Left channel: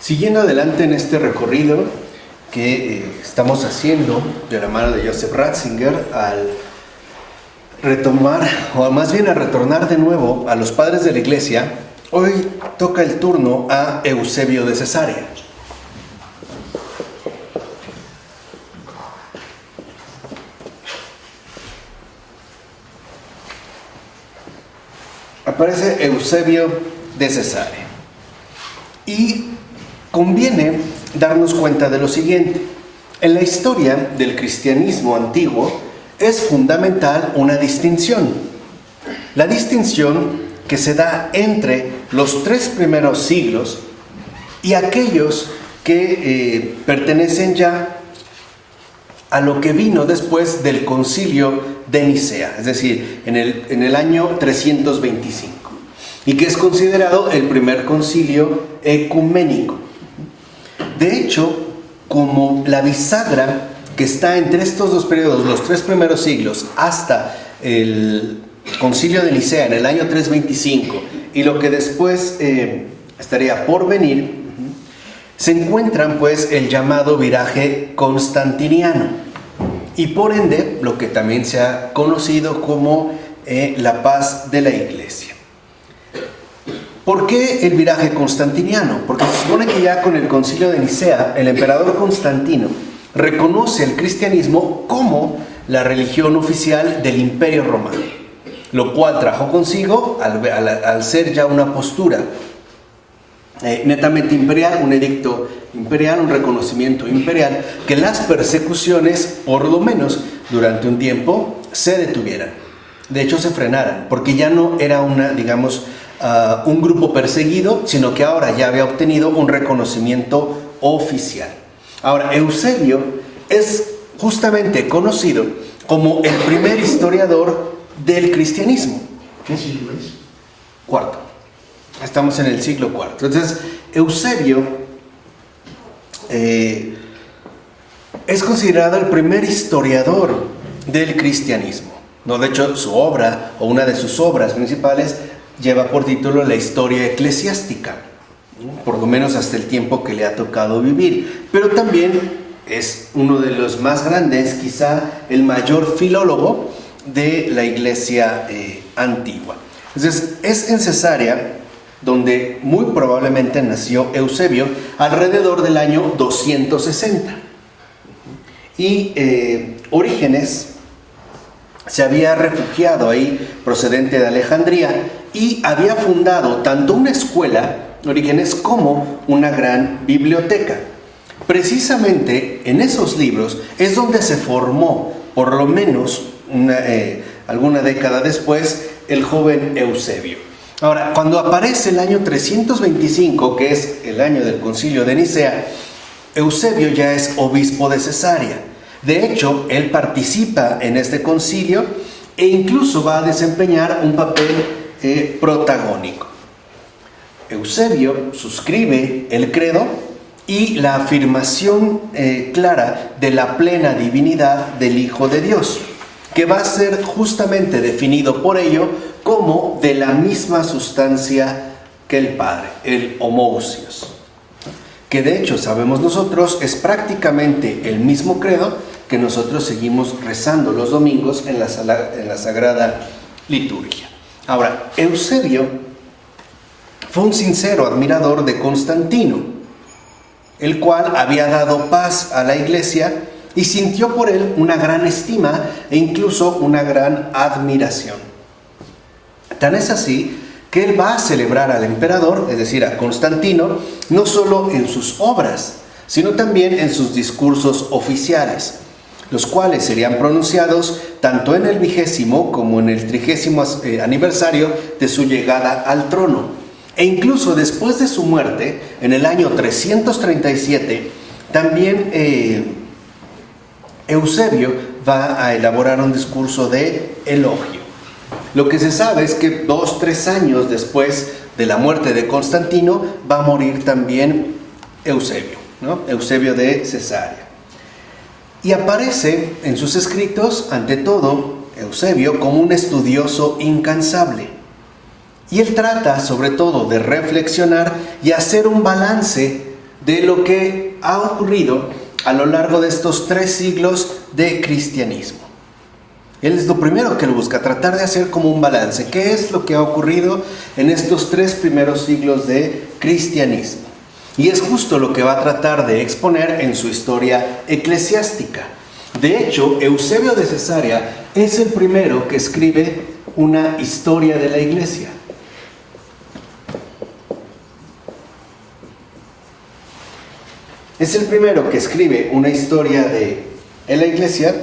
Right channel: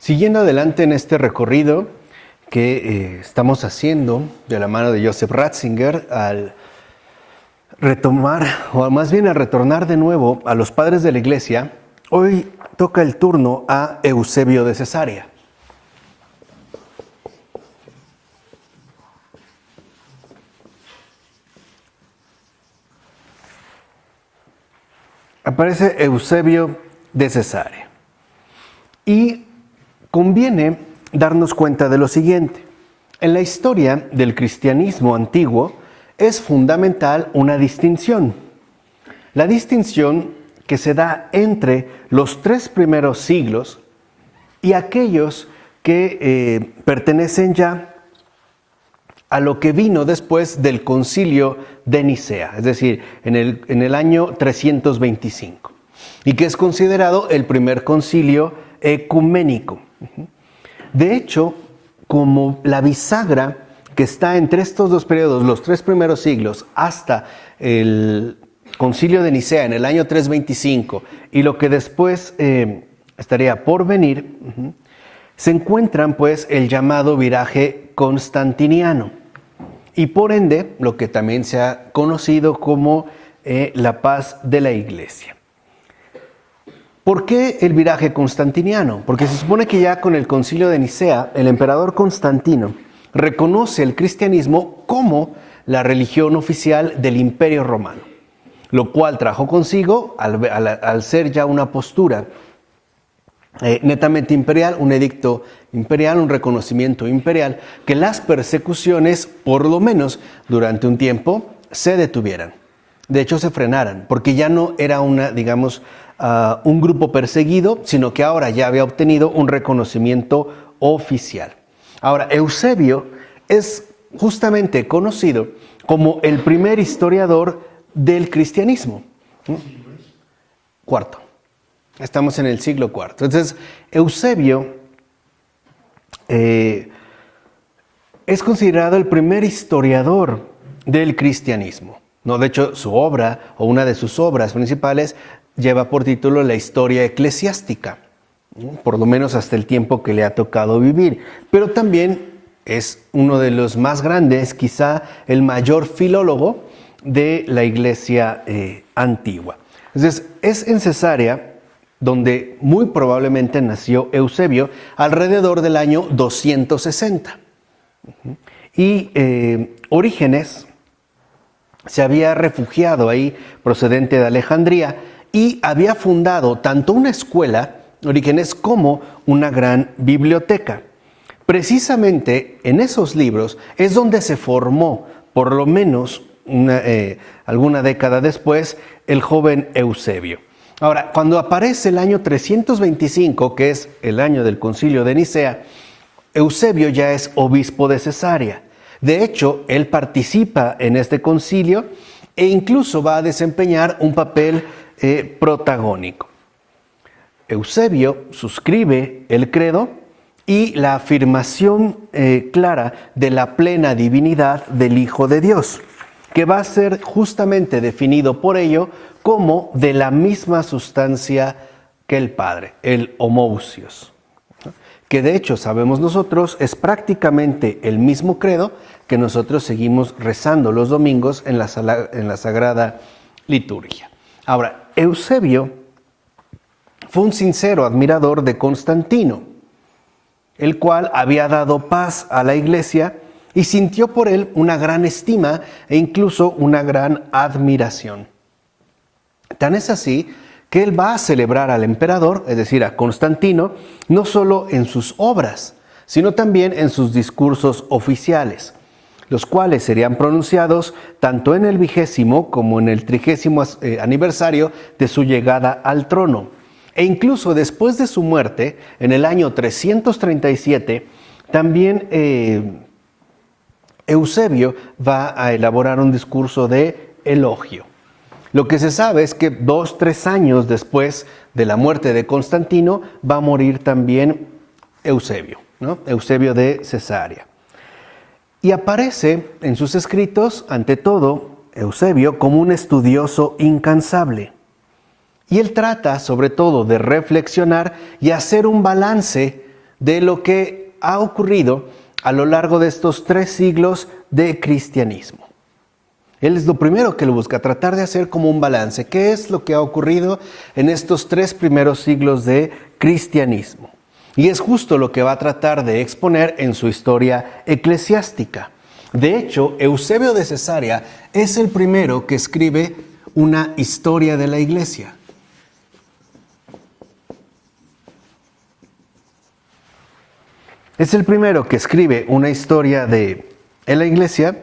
Siguiendo adelante en este recorrido que estamos haciendo de la mano de Joseph Ratzinger, al retomar, o más bien a retornar de nuevo a los padres de la Iglesia, hoy toca el turno a Eusebio de Cesarea. Aparece Eusebio de Cesarea. Y conviene darnos cuenta de lo siguiente. En la historia del cristianismo antiguo es fundamental una distinción. La distinción que se da entre los 3 primeros siglos y aquellos que pertenecen ya a lo que vino después del concilio de Nicea, es decir, en el año 325, y que es considerado el primer concilio ecuménico. De hecho, como la bisagra que está entre estos dos periodos, los 3 primeros siglos, hasta el concilio de Nicea en el año 325, y lo que después estaría por venir, se encuentran pues el llamado viraje constantiniano, y por ende lo que también se ha conocido como la paz de la Iglesia. ¿Por qué el viraje constantiniano? Porque se supone que ya con el concilio de Nicea, el emperador Constantino reconoce el cristianismo como la religión oficial del Imperio Romano, lo cual trajo consigo, al ser ya una postura netamente imperial, un edicto imperial, un reconocimiento imperial, que las persecuciones, por lo menos durante un tiempo, se detuvieran. De hecho, se frenaran, porque ya no era un grupo perseguido, sino que ahora ya había obtenido un reconocimiento oficial. Ahora, Eusebio es justamente conocido como el primer historiador del cristianismo. ¿Qué siglo es? Cuarto. Estamos en el siglo IV. Entonces, Eusebio es considerado el primer historiador del cristianismo. No, de hecho, su obra, o una de sus obras principales, lleva por título La Historia Eclesiástica, ¿no? Por lo menos hasta el tiempo que le ha tocado vivir. Pero también es uno de los más grandes, quizá el mayor filólogo de la Iglesia antigua. Entonces, es en Cesarea donde muy probablemente nació Eusebio, alrededor del año 260. Y Orígenes se había refugiado ahí, procedente de Alejandría, y había fundado tanto una escuela, Orígenes, como una gran biblioteca. Precisamente en esos libros es donde se formó, por lo menos alguna década después, el joven Eusebio. Ahora, cuando aparece el año 325, que es el año del concilio de Nicea, Eusebio ya es obispo de Cesarea. De hecho, él participa en este concilio e incluso va a desempeñar un papel protagónico. Eusebio suscribe el credo y la afirmación clara de la plena divinidad del Hijo de Dios, que va a ser justamente definido por ello como de la misma sustancia que el Padre, el homousios, que de hecho sabemos nosotros es prácticamente el mismo credo que nosotros seguimos rezando los domingos en la Sagrada Liturgia. Ahora, Eusebio fue un sincero admirador de Constantino, el cual había dado paz a la Iglesia y sintió por él una gran estima e incluso una gran admiración. Tan es así que él va a celebrar al emperador, es decir, a Constantino, no solo en sus obras, sino también en sus discursos oficiales, los cuales serían pronunciados tanto en el 20º como en el 30º aniversario de su llegada al trono. E incluso después de su muerte, en el año 337, también Eusebio va a elaborar un discurso de elogio. Lo que se sabe es que 2-3 años después de la muerte de Constantino va a morir también Eusebio, ¿no? Eusebio de Cesarea. Y aparece en sus escritos, ante todo, Eusebio como un estudioso incansable. Y él trata sobre todo de reflexionar y hacer un balance de lo que ha ocurrido a lo largo de estos 3 siglos de cristianismo. Él es lo primero que él busca, tratar de hacer como un balance. ¿Qué es lo que ha ocurrido en estos 3 primeros siglos de cristianismo? Y es justo lo que va a tratar de exponer en su historia eclesiástica. De hecho, Eusebio de Cesarea es el primero que escribe una historia de la iglesia. Es el primero que escribe una historia de la iglesia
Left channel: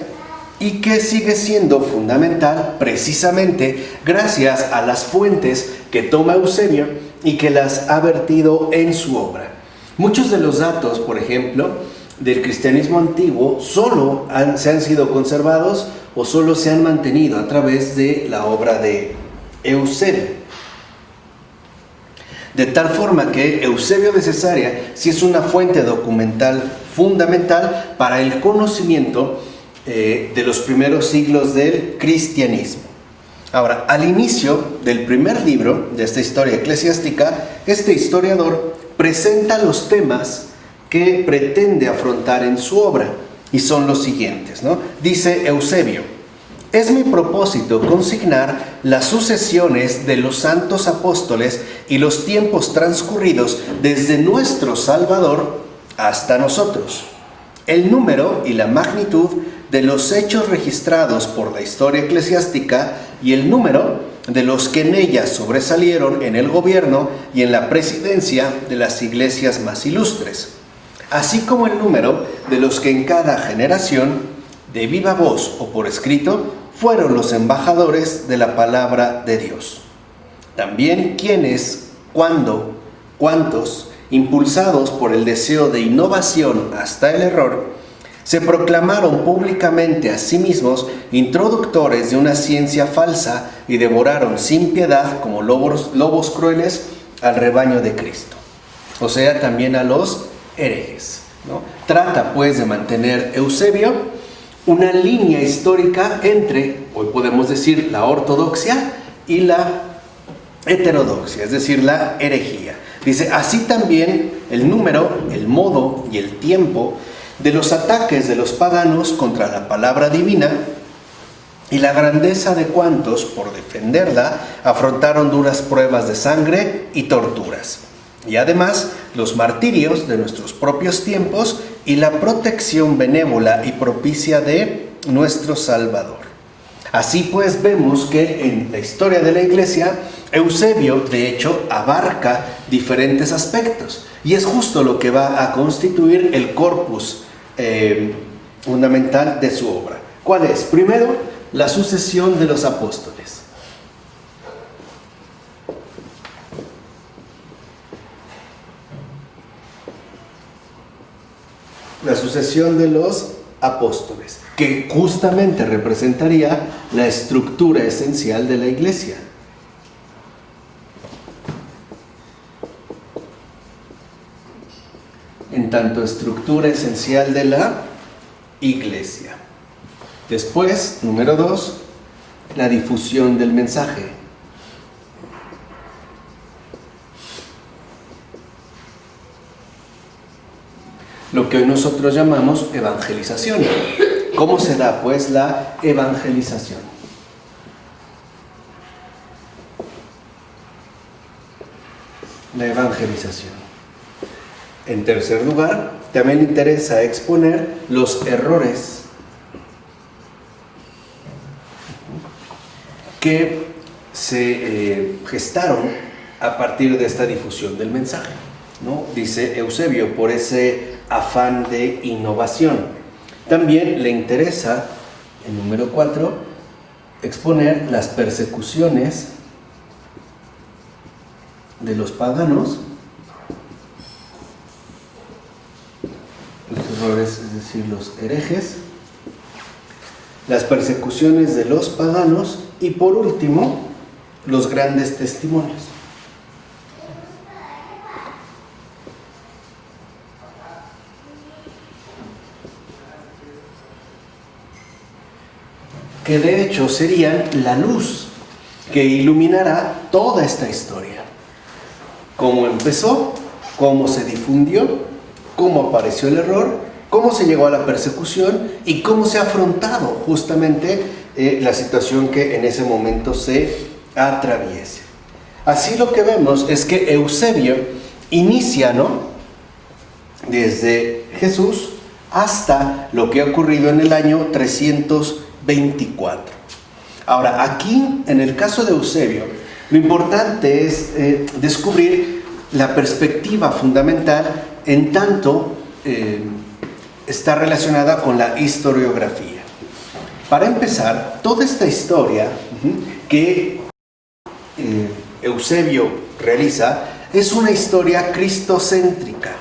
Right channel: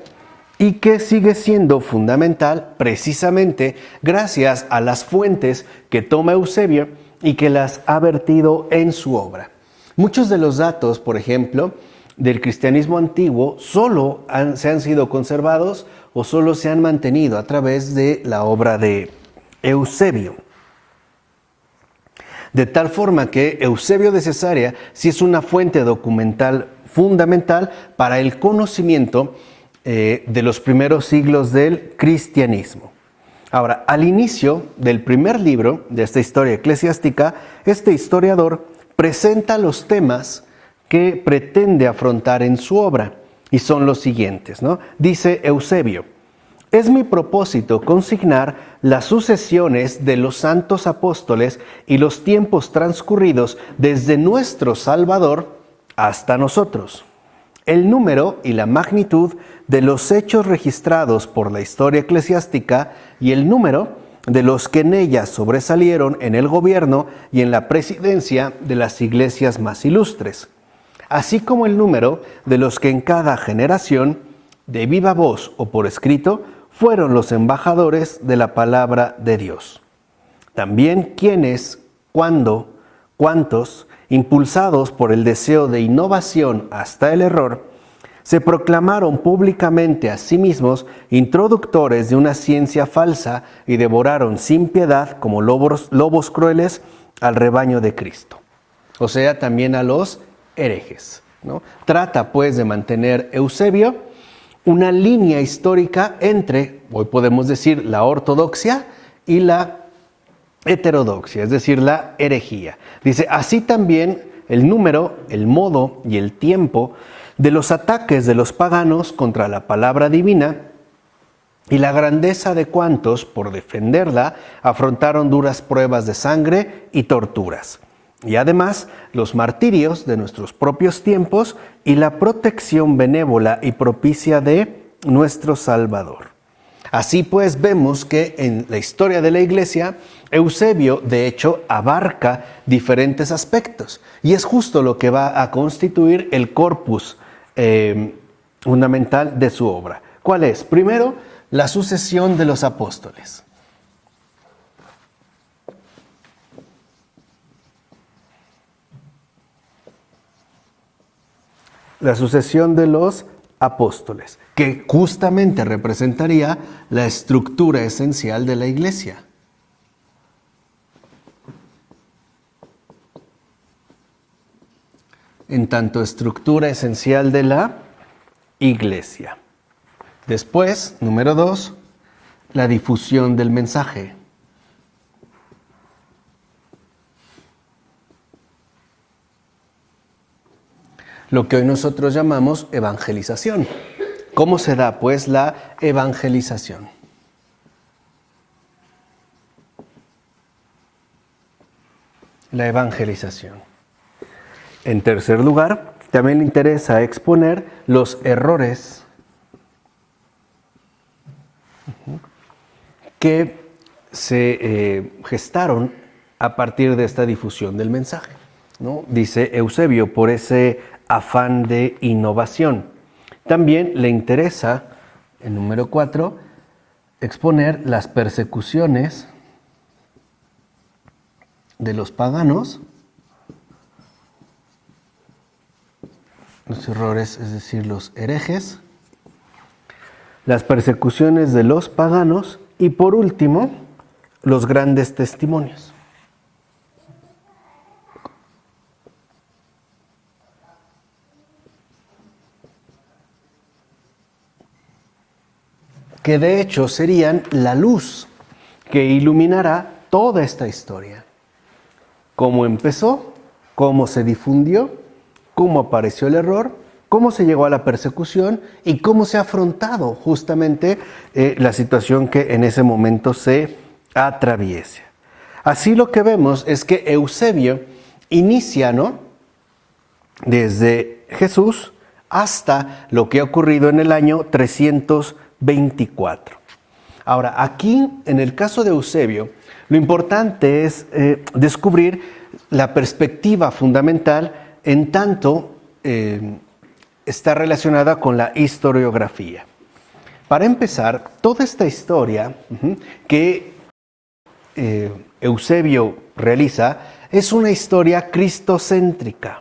y que sigue siendo fundamental precisamente gracias a las fuentes que toma Eusebio y que las ha vertido en su obra. Muchos de los datos, por ejemplo, del cristianismo antiguo solo se han sido conservados o solo se han mantenido a través de la obra de Eusebio. De tal forma que Eusebio de Cesarea sí es una fuente documental fundamental para el conocimiento de los primeros siglos del cristianismo. Ahora, al inicio del primer libro de esta historia eclesiástica, este historiador presenta los temas que pretende afrontar en su obra, y son los siguientes, ¿no? Dice Eusebio: es mi propósito consignar las sucesiones de los santos apóstoles y los tiempos transcurridos desde nuestro Salvador hasta nosotros. El número y la magnitud de los hechos registrados por la historia eclesiástica y el número de los que en ella sobresalieron en el gobierno y en la presidencia de las iglesias más ilustres, así como el número de los que en cada generación, de viva voz o por escrito, fueron los embajadores de la palabra de Dios. También quiénes, cuándo, cuántos, impulsados por el deseo de innovación hasta el error, se proclamaron públicamente a sí mismos introductores de una ciencia falsa y devoraron sin piedad como lobos crueles al rebaño de Cristo. O sea, también a los herejes, ¿no? Trata pues de mantener Eusebio una línea histórica entre, hoy podemos decir, la ortodoxia y la heterodoxia, es decir, la herejía. Dice, así también el número, el modo y el tiempo de los ataques de los paganos contra la palabra divina y la grandeza de cuantos, por defenderla, afrontaron duras pruebas de sangre y torturas. Y además, los martirios de nuestros propios tiempos y la protección benévola y propicia de nuestro Salvador. Así pues, vemos que en la historia de la Iglesia, Eusebio, de hecho, abarca diferentes aspectos. Y es justo lo que va a constituir el corpus fundamental de su obra. ¿Cuál es? Primero, la sucesión de los apóstoles. La sucesión de los apóstoles, que justamente representaría la estructura esencial de la iglesia. En tanto estructura esencial de la iglesia. Después, número 2, la difusión del mensaje. Lo que hoy nosotros llamamos evangelización. ¿Cómo se da, pues, la evangelización? La evangelización. En tercer lugar, también interesa exponer los errores que se gestaron a partir de esta difusión del mensaje, ¿no? Dice Eusebio, por ese afán de innovación. También le interesa, el número 4, exponer las persecuciones de los paganos, los errores, es decir, los herejes, las persecuciones de los paganos y por último, los grandes testimonios. Que de hecho serían la luz que iluminará toda esta historia. Cómo empezó, cómo se difundió cómo apareció el error, cómo se llegó a la persecución y cómo se ha afrontado justamente la situación que en ese momento se atraviesa. Así lo que vemos es que Eusebio inicia, ¿no?, desde Jesús hasta lo que ha ocurrido en el año 324. Ahora, aquí, en el caso de Eusebio, lo importante es descubrir la perspectiva fundamental en tanto está relacionada con la historiografía. Para empezar, toda esta historia que Eusebio realiza es una historia cristocéntrica,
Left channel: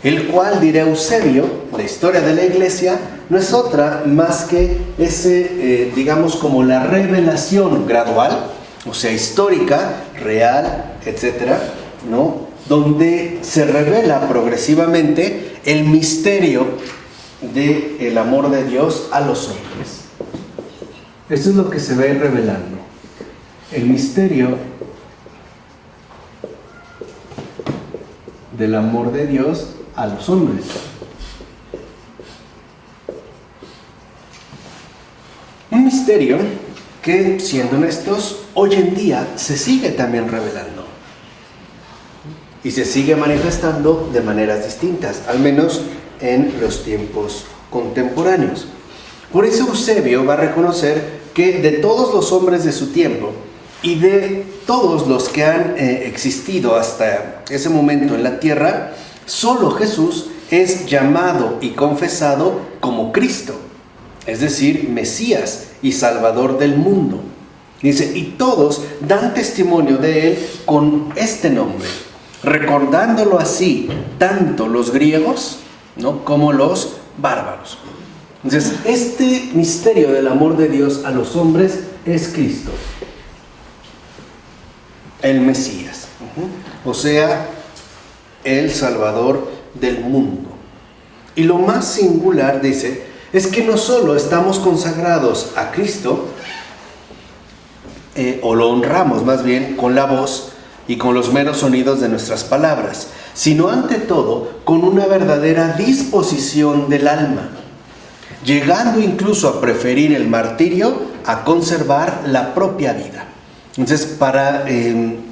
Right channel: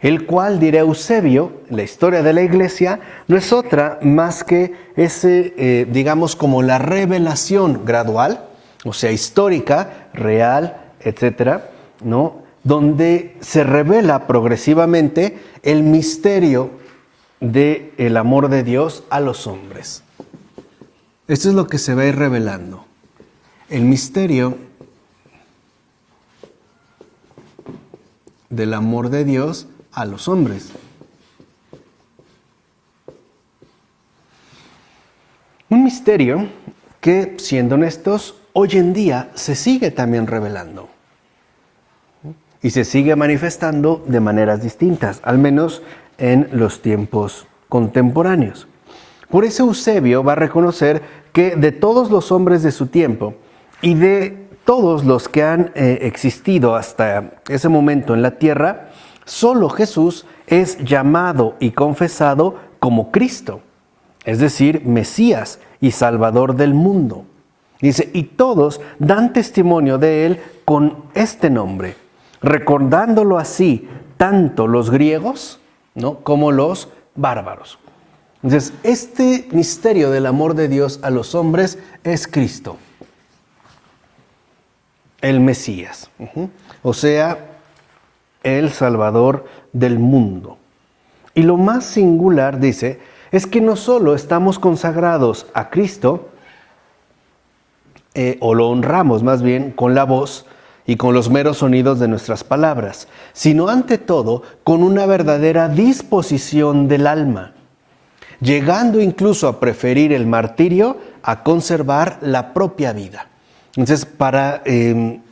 el cual, dirá Eusebio, la historia de la iglesia no es otra más que digamos, como la revelación gradual, o sea, histórica, real, etcétera, ¿no?, donde se revela progresivamente el misterio del amor de Dios a los hombres. Esto es lo que se va a ir revelando. El misterio del amor de Dios a los hombres. Un misterio que, siendo honestos, hoy en día se sigue también revelando. Y se sigue manifestando de maneras distintas, al menos en los tiempos contemporáneos. Por eso Eusebio va a reconocer que de todos los hombres de su tiempo y de todos los que han existido hasta ese momento en la tierra, solo Jesús es llamado y confesado como Cristo, es decir, Mesías y Salvador del mundo. Dice, y todos dan testimonio de él con este nombre, recordándolo así tanto los griegos, ¿no?, como los bárbaros. Entonces, este misterio del amor de Dios a los hombres es Cristo, el Mesías, o sea, el Salvador del mundo. Y lo más singular, dice, es que no solo estamos consagrados a Cristo, o lo honramos más bien con la voz y con los meros sonidos de nuestras palabras, sino ante todo con una verdadera disposición del alma, llegando incluso a preferir el martirio a conservar la propia vida. Entonces, para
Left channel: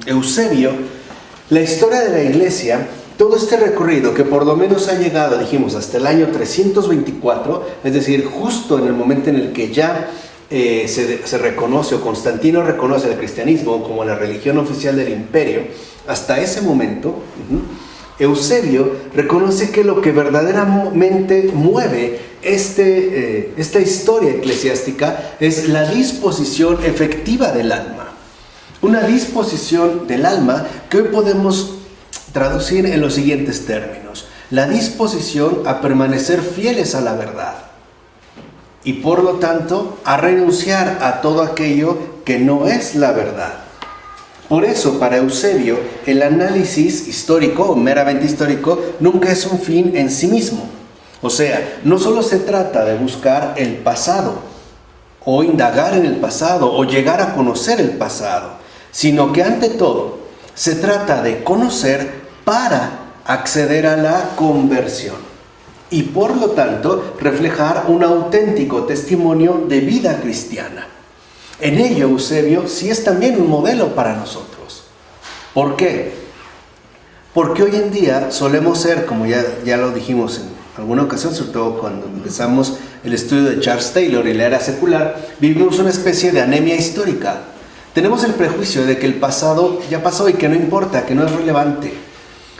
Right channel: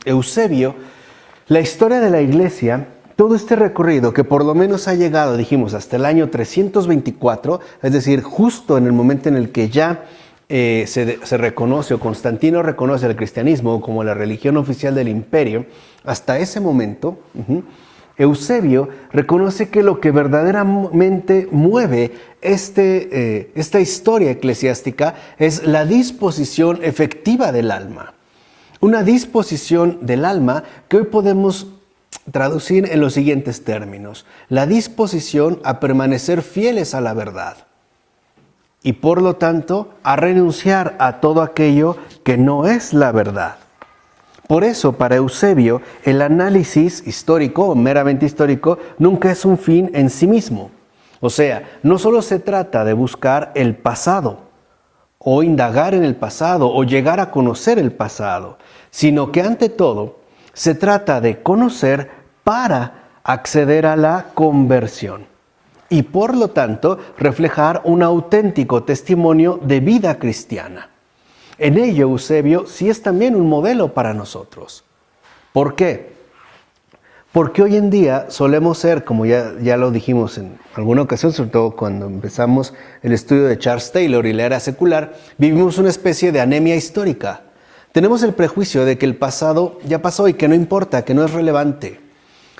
Eusebio, la historia de la iglesia, todo este recorrido que por lo menos ha llegado, dijimos, hasta el año 324, es decir, justo en el momento en el que ya se reconoce, o Constantino reconoce el cristianismo como la religión oficial del imperio, hasta ese momento, Eusebio reconoce que lo que verdaderamente mueve esta historia eclesiástica es la disposición efectiva del alma. Una disposición del alma que hoy podemos traducir en los siguientes términos: la disposición a permanecer fieles a la verdad y por lo tanto a renunciar a todo aquello que no es la verdad. Por eso, para Eusebio, el análisis histórico o meramente histórico nunca es un fin en sí mismo. O sea, no solo se trata de buscar el pasado o indagar en el pasado o llegar a conocer el pasado, sino que ante todo se trata de conocer para acceder a la conversión y por lo tanto reflejar un auténtico testimonio de vida cristiana. En ello, Eusebio sí es también un modelo para nosotros. ¿Por qué? Porque hoy en día solemos ser, como ya lo dijimos en alguna ocasión, sobre todo cuando empezamos el estudio de Charles Taylor y la era secular, vivimos una especie de anemia histórica. Tenemos el prejuicio de que el pasado ya pasó y que no importa, que no es relevante.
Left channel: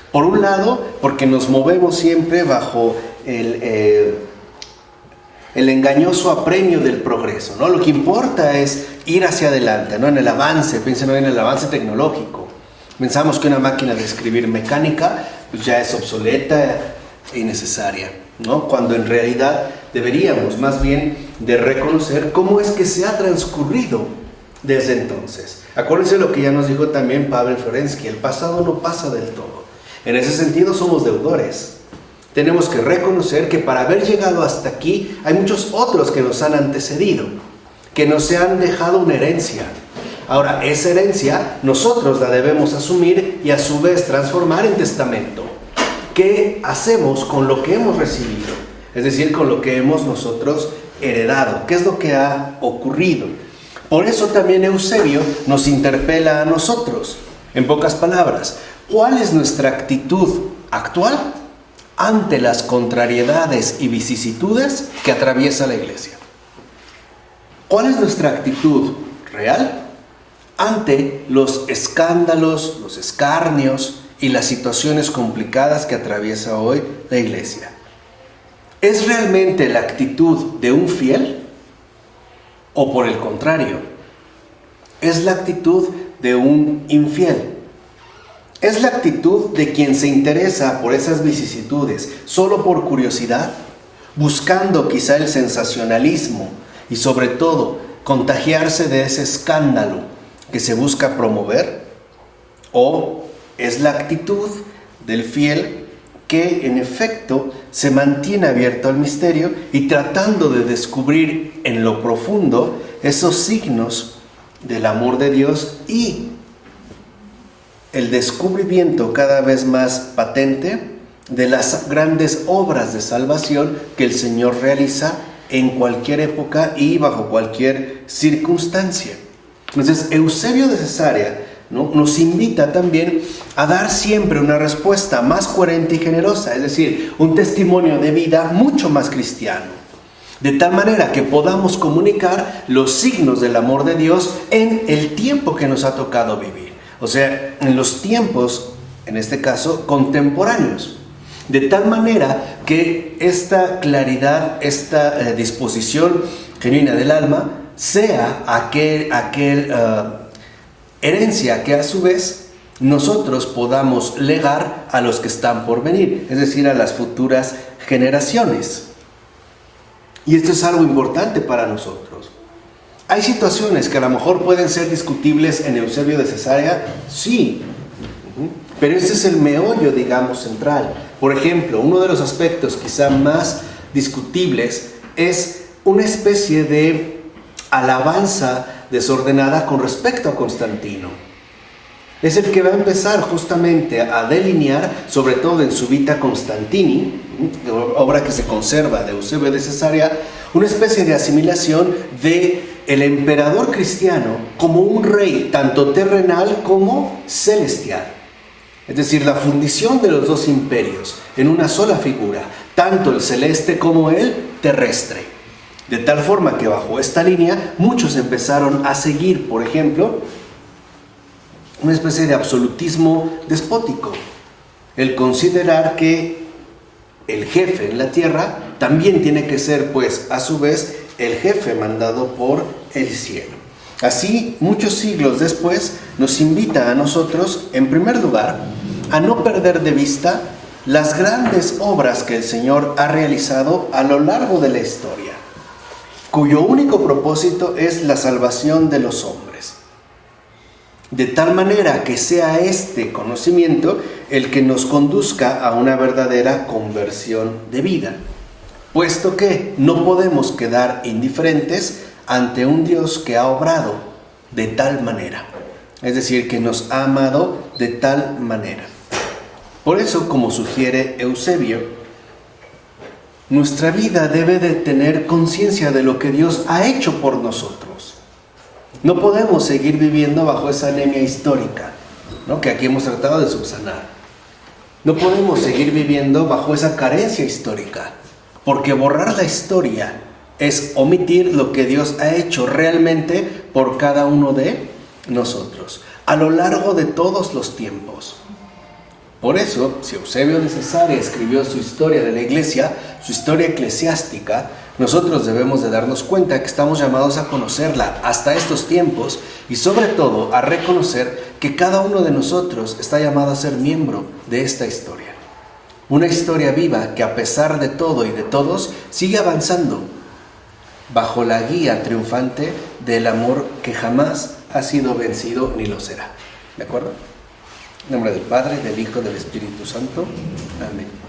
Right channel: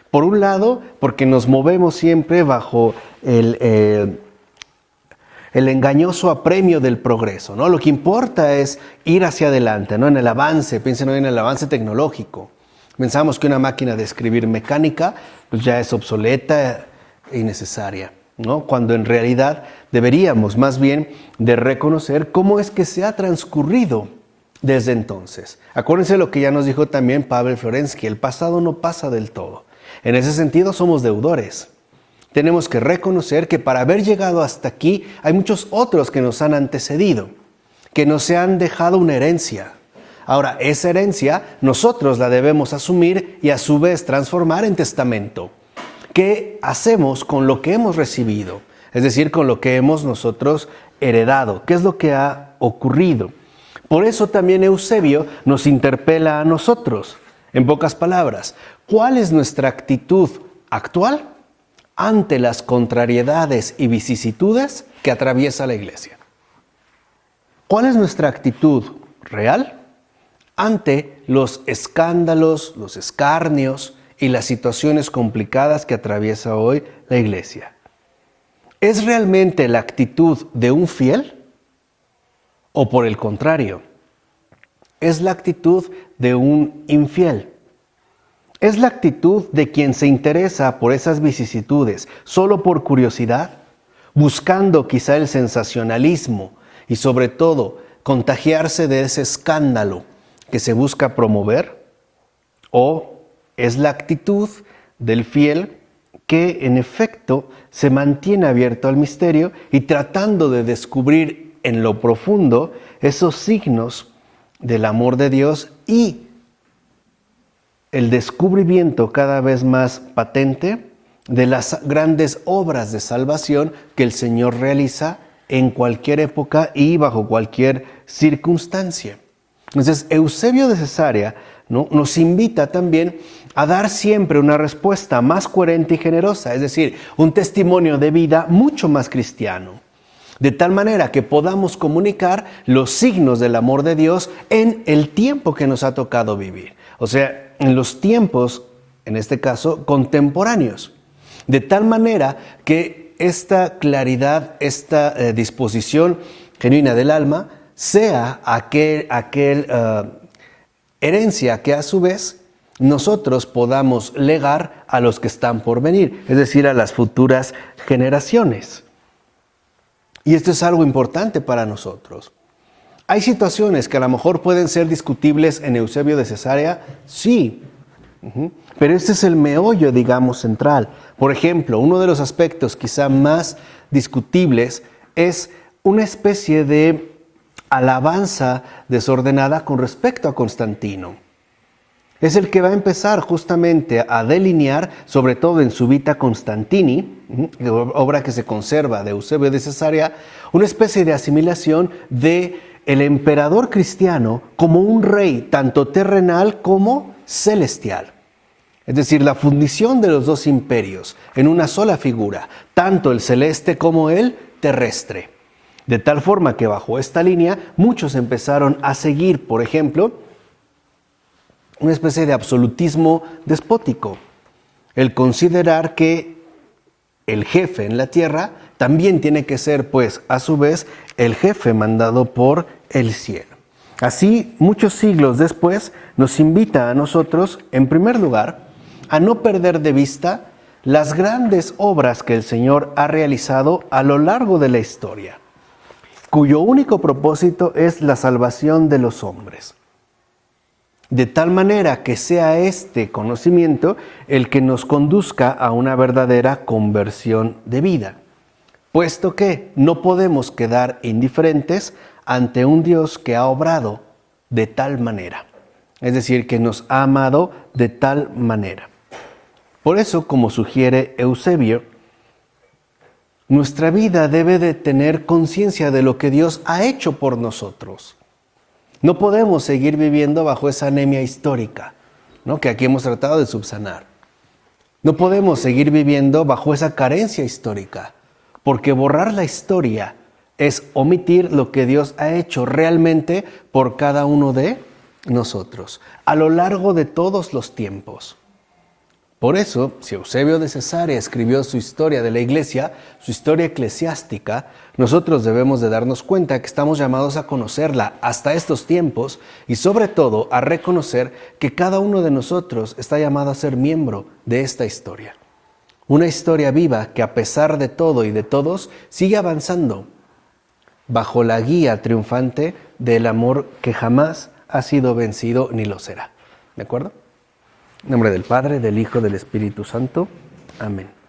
Por un lado, porque nos movemos siempre bajo el engañoso apremio del progreso, ¿no? Lo que importa es ir hacia adelante, ¿no? En el avance, piensen hoy en el avance tecnológico. Pensamos que una máquina de escribir mecánica pues ya es obsoleta e innecesaria, ¿no? Cuando en realidad deberíamos más bien de reconocer cómo es que se ha transcurrido desde entonces. Acuérdense lo que ya nos dijo también Pavel Florensky: el pasado no pasa del todo. En ese sentido somos deudores. Tenemos que reconocer que para haber llegado hasta aquí hay muchos otros que nos han antecedido, que nos han dejado una herencia. Ahora, esa herencia nosotros la debemos asumir y a su vez transformar en testamento qué hacemos con lo que hemos recibido, es decir, con lo que hemos nosotros heredado, qué es lo que ha ocurrido. Por eso también Eusebio nos interpela a nosotros, en pocas palabras, ¿cuál es nuestra actitud actual ante las contrariedades y vicisitudes que atraviesa la iglesia? ¿Cuál es nuestra actitud real ante los escándalos, los escarnios y las situaciones complicadas que atraviesa hoy la iglesia? ¿Es realmente la actitud de un fiel? ¿O por el contrario, es la actitud de un infiel? ¿Es la actitud de quien se interesa por esas vicisitudes solo por curiosidad, buscando quizá el sensacionalismo y sobre todo contagiarse de ese escándalo que se busca promover? ¿O es la actitud del fiel que en efecto se mantiene abierto al misterio y tratando de descubrir en lo profundo esos signos del amor de Dios y el descubrimiento cada vez más patente de las grandes obras de salvación que el Señor realiza en cualquier época y bajo cualquier circunstancia? Entonces, Eusebio de Cesarea, ¿no?, nos invita también a dar siempre una respuesta más coherente y generosa, es decir, un testimonio de vida mucho más cristiano, de tal manera que podamos comunicar los signos del amor de Dios en el tiempo que nos ha tocado vivir, o sea, en los tiempos, en este caso, contemporáneos, de tal manera que esta claridad, esta disposición genuina del alma sea herencia que a su vez nosotros podamos legar a los que están por venir, es decir, a las futuras generaciones. Y esto es algo importante para nosotros. ¿Hay situaciones que a lo mejor pueden ser discutibles en Eusebio de Cesarea? Sí, pero este es el meollo, digamos, central. Por ejemplo, uno de los aspectos quizá más discutibles es una especie de alabanza desordenada con respecto a Constantino. Es el que va a empezar justamente a delinear, sobre todo en su Vita Constantini, obra que se conserva de Eusebio de Cesarea, una especie de asimilación de el emperador cristiano como un rey tanto terrenal como celestial. Es decir, la fundición de los dos imperios en una sola figura, tanto el celeste como el terrestre. De tal forma que bajo esta línea muchos empezaron a seguir, por ejemplo, una especie de absolutismo despótico. El considerar que el jefe en la tierra también tiene que ser, pues, a su vez, el jefe mandado por el cielo. Así, muchos siglos después, nos invita a nosotros, en primer lugar, a no perder de vista las grandes obras que el Señor ha realizado a lo largo de la historia, cuyo único propósito es la salvación de los hombres. De tal manera que sea este conocimiento el que nos conduzca a una verdadera conversión de vida, puesto que no podemos quedar indiferentes ante un Dios que ha obrado de tal manera, es decir, que nos ha amado de tal manera. Por eso, como sugiere Eusebio, nuestra vida debe de tener conciencia de lo que Dios ha hecho por nosotros. No podemos seguir viviendo bajo esa anemia histórica, ¿no?, que aquí hemos tratado de subsanar. No podemos seguir viviendo bajo esa carencia histórica, porque borrar la historia es omitir lo que Dios ha hecho realmente por cada uno de nosotros, a lo largo de todos los tiempos. Por eso, si Eusebio de Cesarea escribió su historia de la iglesia, su historia eclesiástica, nosotros debemos de darnos cuenta que estamos llamados a conocerla hasta estos tiempos y sobre todo a reconocer que cada uno de nosotros está llamado a ser miembro de esta historia. Una historia viva que a pesar de todo y de todos sigue avanzando bajo la guía triunfante del amor que jamás ha sido vencido ni lo será. ¿De acuerdo? En nombre del Padre, del Hijo, del Espíritu Santo. Amén.